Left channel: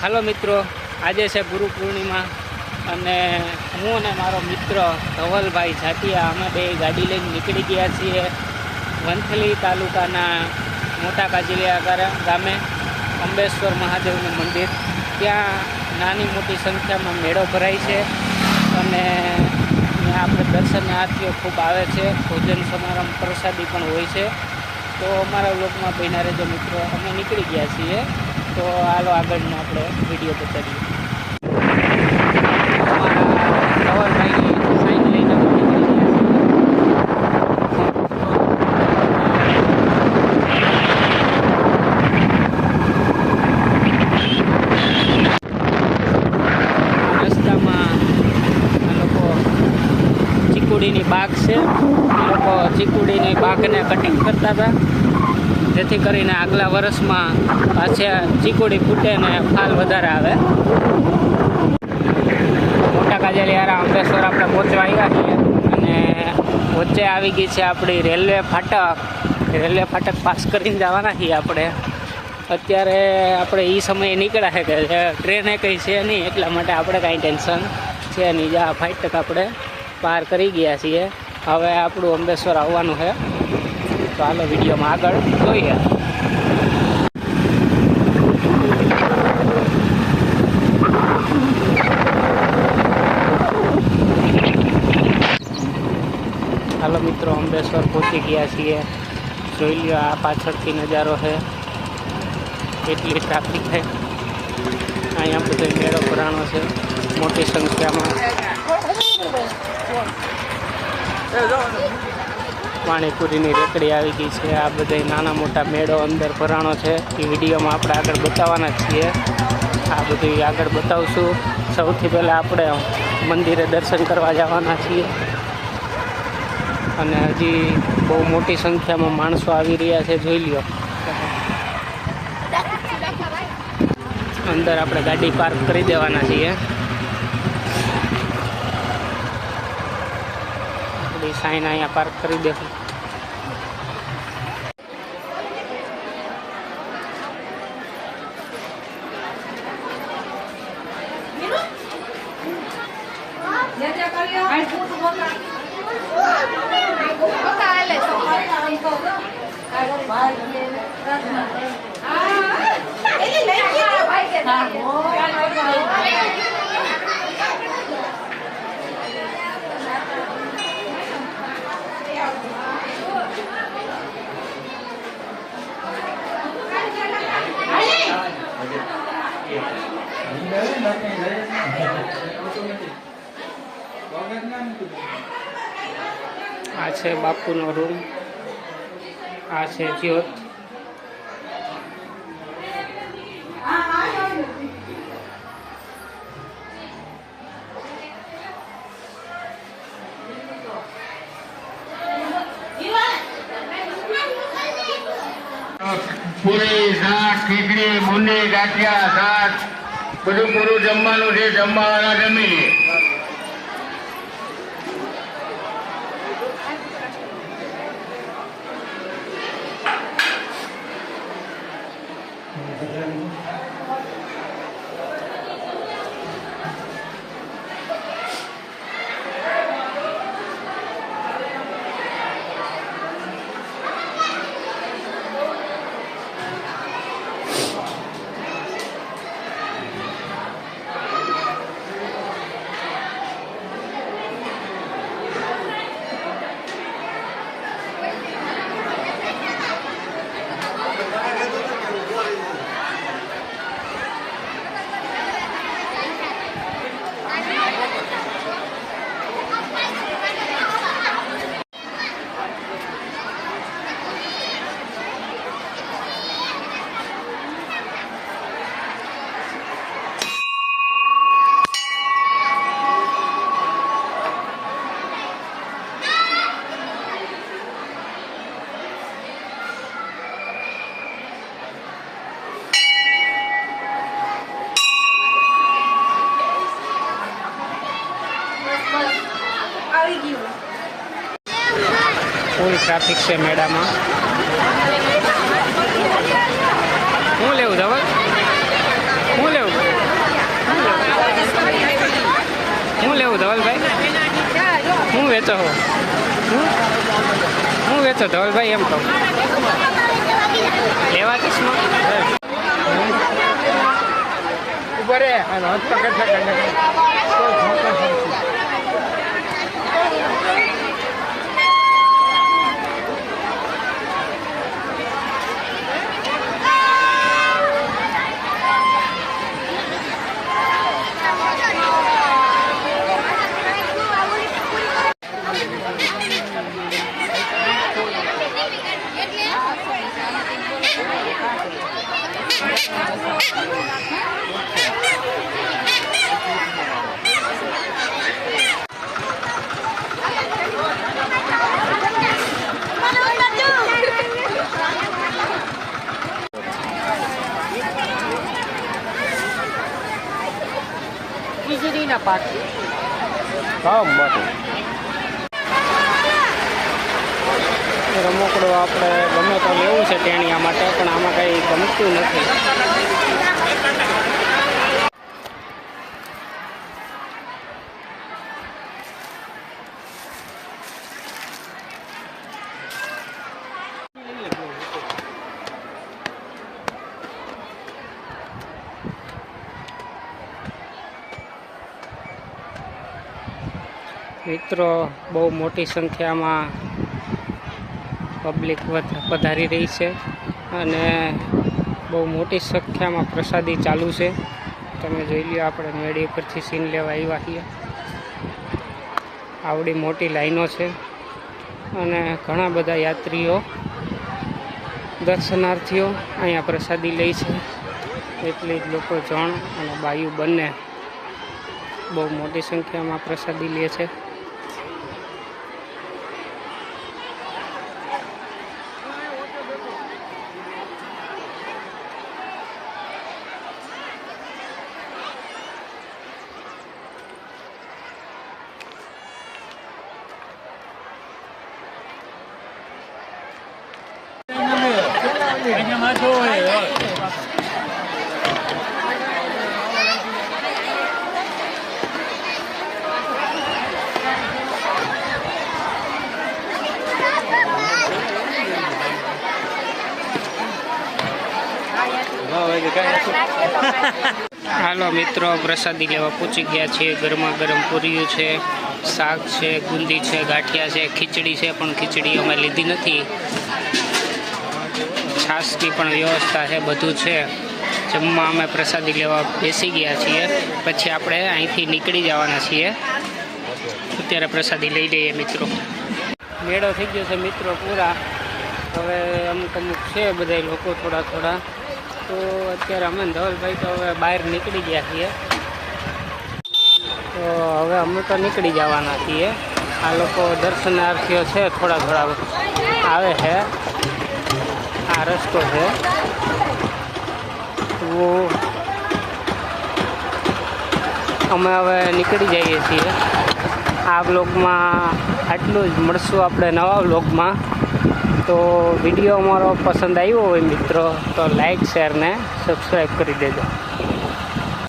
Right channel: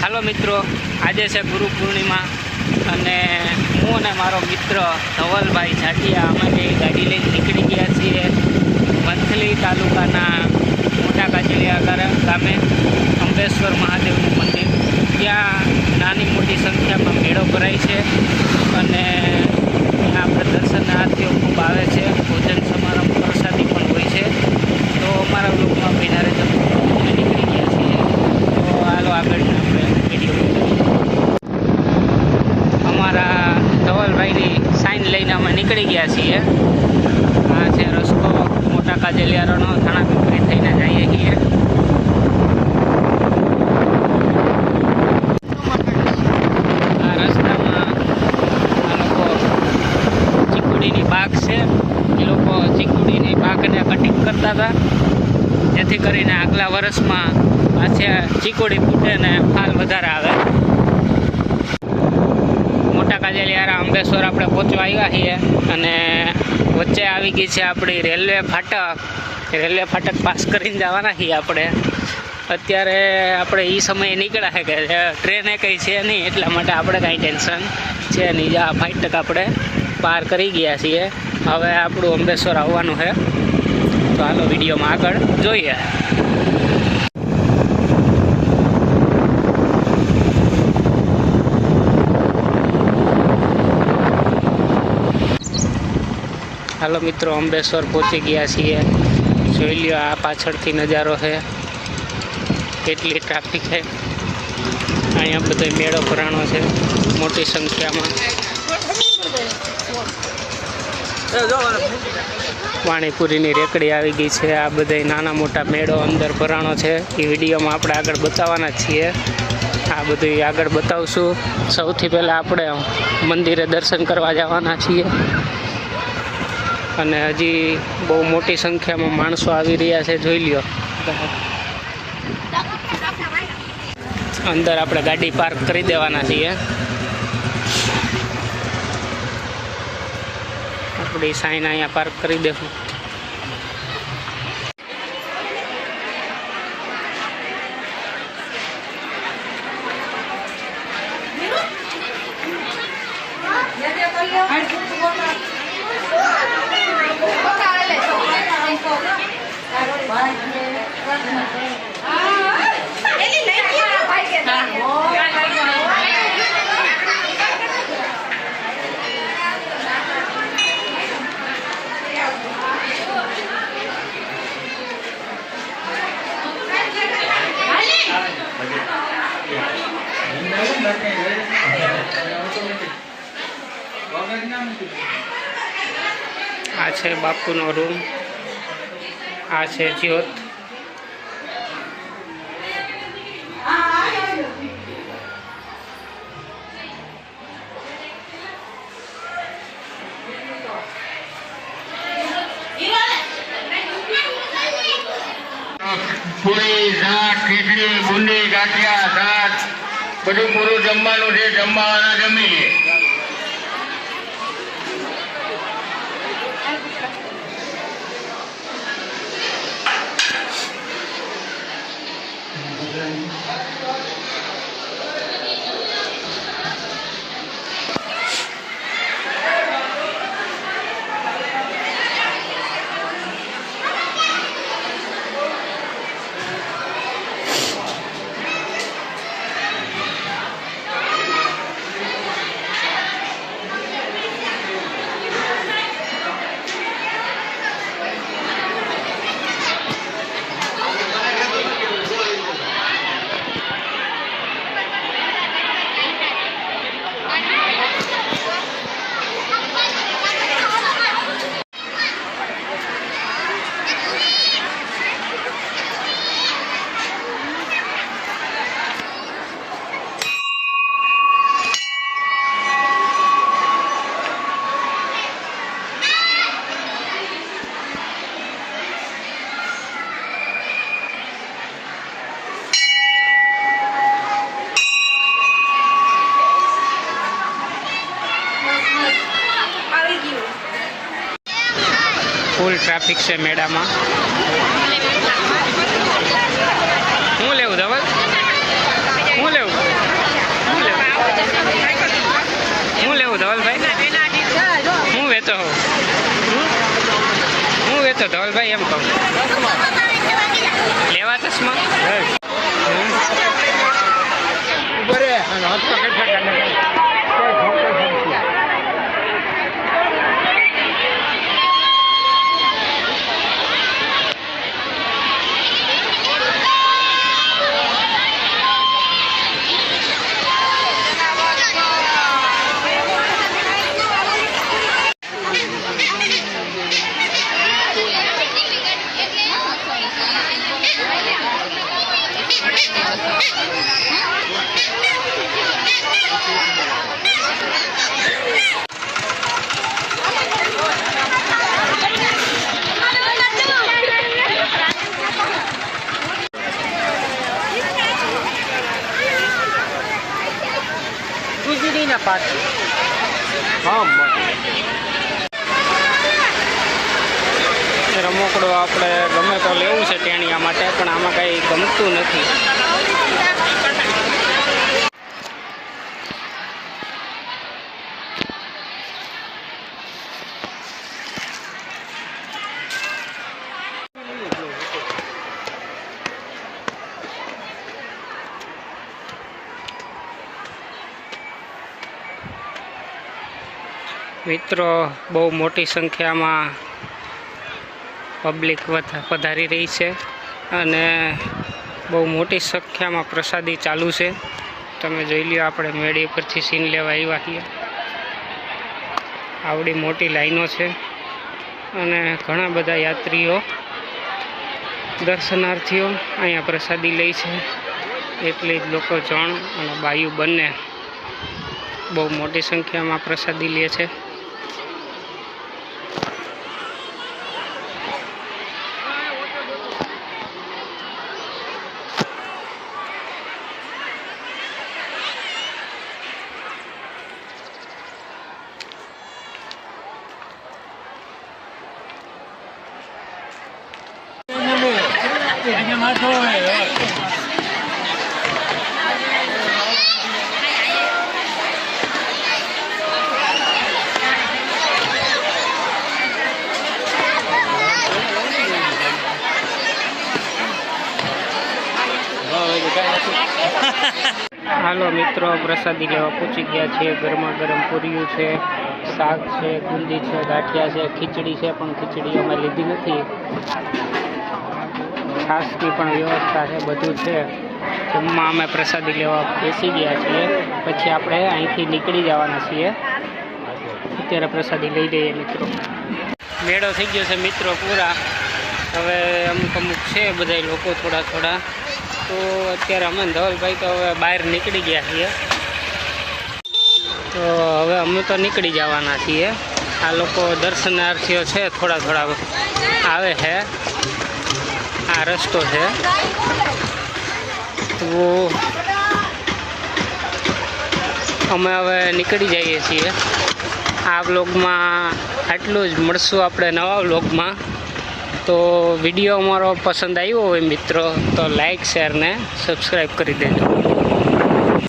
હાલો મિત્રો, આજે છે ગુરુ પૂર્ણિમા અને હું અને મારો મિત્ર ધવલભાઈ જાટિયા અમે બે ગાડી લઈને નીકળી ગયા છીએ વંથલી તાલુકાના મોટા કાજલિયા ગામે અંબેશ્વર મહાદેવનું મંદિર. ત્યાં નાની મોટી સંખ્યામાં મેળો ભરાય છે અને ત્યાં આપણે દર્શનાર્થીઓ ખૂબ આવે છે. ભોજન સમારંભ, પ્રસાદી પણ હોય છે. તો અમારા લોકમાં રહેજો મિત્રો. અમે નીકળી ગયા છીએ. હાલો આગળના આપણે વીડિયો અમારા ધવલભાઈની સાઈન લઈને અમે નીકળી ગયા છીએ. આ છે રસ્તો. મોટા છીએ આ રસ્તામાં આ લોકો ચીકુડીની બાગ છે. એ લોકો ચીકુડીની બાગને કટિંગ કરતા હતા. જેથી કરીને આગલા વર્ષમાં પાછા ચીકુડી ફૂટે ને ફાલ વધારે આવે. મોટા કાજલિયારા અંબેશ્વર આપણે પહોંચવા આવ્યા છીએ અને વચ્ચે આવી ગઈ છે આપણી રેલવે ફાટક. રેલવે ફાટક પાસ કરીને જવાના છીએ આપણે. અત્યારે આપણે એ સમયે નીકળ્યા છે કે ટ્રેને કંઈ છે નહીં, એટલા માટે આપણે કાંઈ ટેન્શન છે નહીં. જા ફાટક આપણે પાર કરી ગયા છીએ. હવે આપણું અંબેશ્વર આવવાનું છે. તો હાલો વિડીયોમાં આગળ જોઈએ. હાલો મિત્રો અંબેશ્વર પહોંચી ગયા છીએ. જોઈ લ્યો, આ પાછળથી નજારો છે. કેટલી ટ્રાફિક છે. અહીંયા બધો મેળો ભરાણો છે, મોટી સંખ્યામાં. પાણીપુરીની રેકડી આવી ગઈ છે. આ બધા નાના મોટા મેળો અંદર ભરાણો છે. એ વિડીયોમાં આપણે આગળ બતાવવાના છીએ. આ બધું આગળ બતાવશું. સૌથી પહેલાં આપણે મંદિરે દર્શન કરવા જવાના છીએ. અને હજી બહુ મોટી સંખ્યામાં માણસો આવી રહ્યા છે, જોઈ લ્યો. અંદર આપણે ગાડી પાર્ક કરી દેવાના છીએ. આપણી સાઈન અહીંયા પાર્ક કરી દેશું આ છે બાપુનો રૂમ આ છે જ્યોત પૂરી શાક ખીચડી બુંદી ગાંઠિયા શાક બધું પૂરું જમવાનું છે જમવાના જમી ફૂલ ટ્રાફિક છે મેળામાં. હું લેવું ધવલ? હું લેવું? હું લેવું? શું લેવું ધવલભાઈ? હું વેચો હો. હું? વેચો ધવલભાઈ એમ કહું. લેવા ચશ્મા હમ? વીજળીના પાછી એ રમકડું આપણે ગમે તો લેવું છે ટેણિયા માટે, પણ આમાં કંઈ ગમતું નથી મિત્રો, બહુ મોટી સંખ્યામાં પબ્લિક પધારી રહી છે અને બહુ મોટી સંખ્યામાં પ્રસાદી ચાલુ છે. તમે જોઈ લ્યો, આપણે મેળી પરથી સીન લેવા આવ્યા છીએ. આવડી મોટી લાઈનો છે અને ઘણા બધા યાત્રીઓ, દર્શનાર્થીઓ અહીંયા પ્રસાદી લે છે. એટલી જ લોકો જણ અને બાયુ બંને બહુ મોટી સંખ્યામાં પ્રસાદી લે છે. હાલો મિત્રો, પ્રસાદી લેવા પહોંચી ગયા છીએ. ગરમા ગરમ પૂરીયું છે, શાક છે, ગુંદી છે, ગાંઠિયા છે, ખીચડી છે, પણ ખીચડી અમે લીધી નથી. છાશની પણ વ્યવસ્થા છે, બધું છે. જમવા અમે પ્રસાદી લેવા બેસી ગયા છીએ. પછી આપણે અહીંથી નીકળી જવાના છીએ. અત્યારે પ્રસાદી લઈ લઈએ મિત્રો. મેળો થઈ ગયો છે મિત્રો પૂરા. હવે અમુક અમુક છે બધા લોકો થોડા થોડા. તો અત્યારે અમે ધવલભાઈ તો હવે બહાર નીકળી ગયા છીએ. તો હવે અમે તો નીકળી જવાના છીએ. આ લોકો દર્શનાર્થીઓ છે, થોડા થોડા. આવે છે. આ રસ્તો છે તો અમે હવે નીકળી જઈએ છીએ. આ બ્લોગમાં આટલું જ. મળશું આપણે નવા બ્લોગમાં તો વીડિયો અમારો પસંદ આવ્યો હોય મિત્રો, તો લાઈક શેર ને સબસ્ક્રાઈબ કરી દેજો.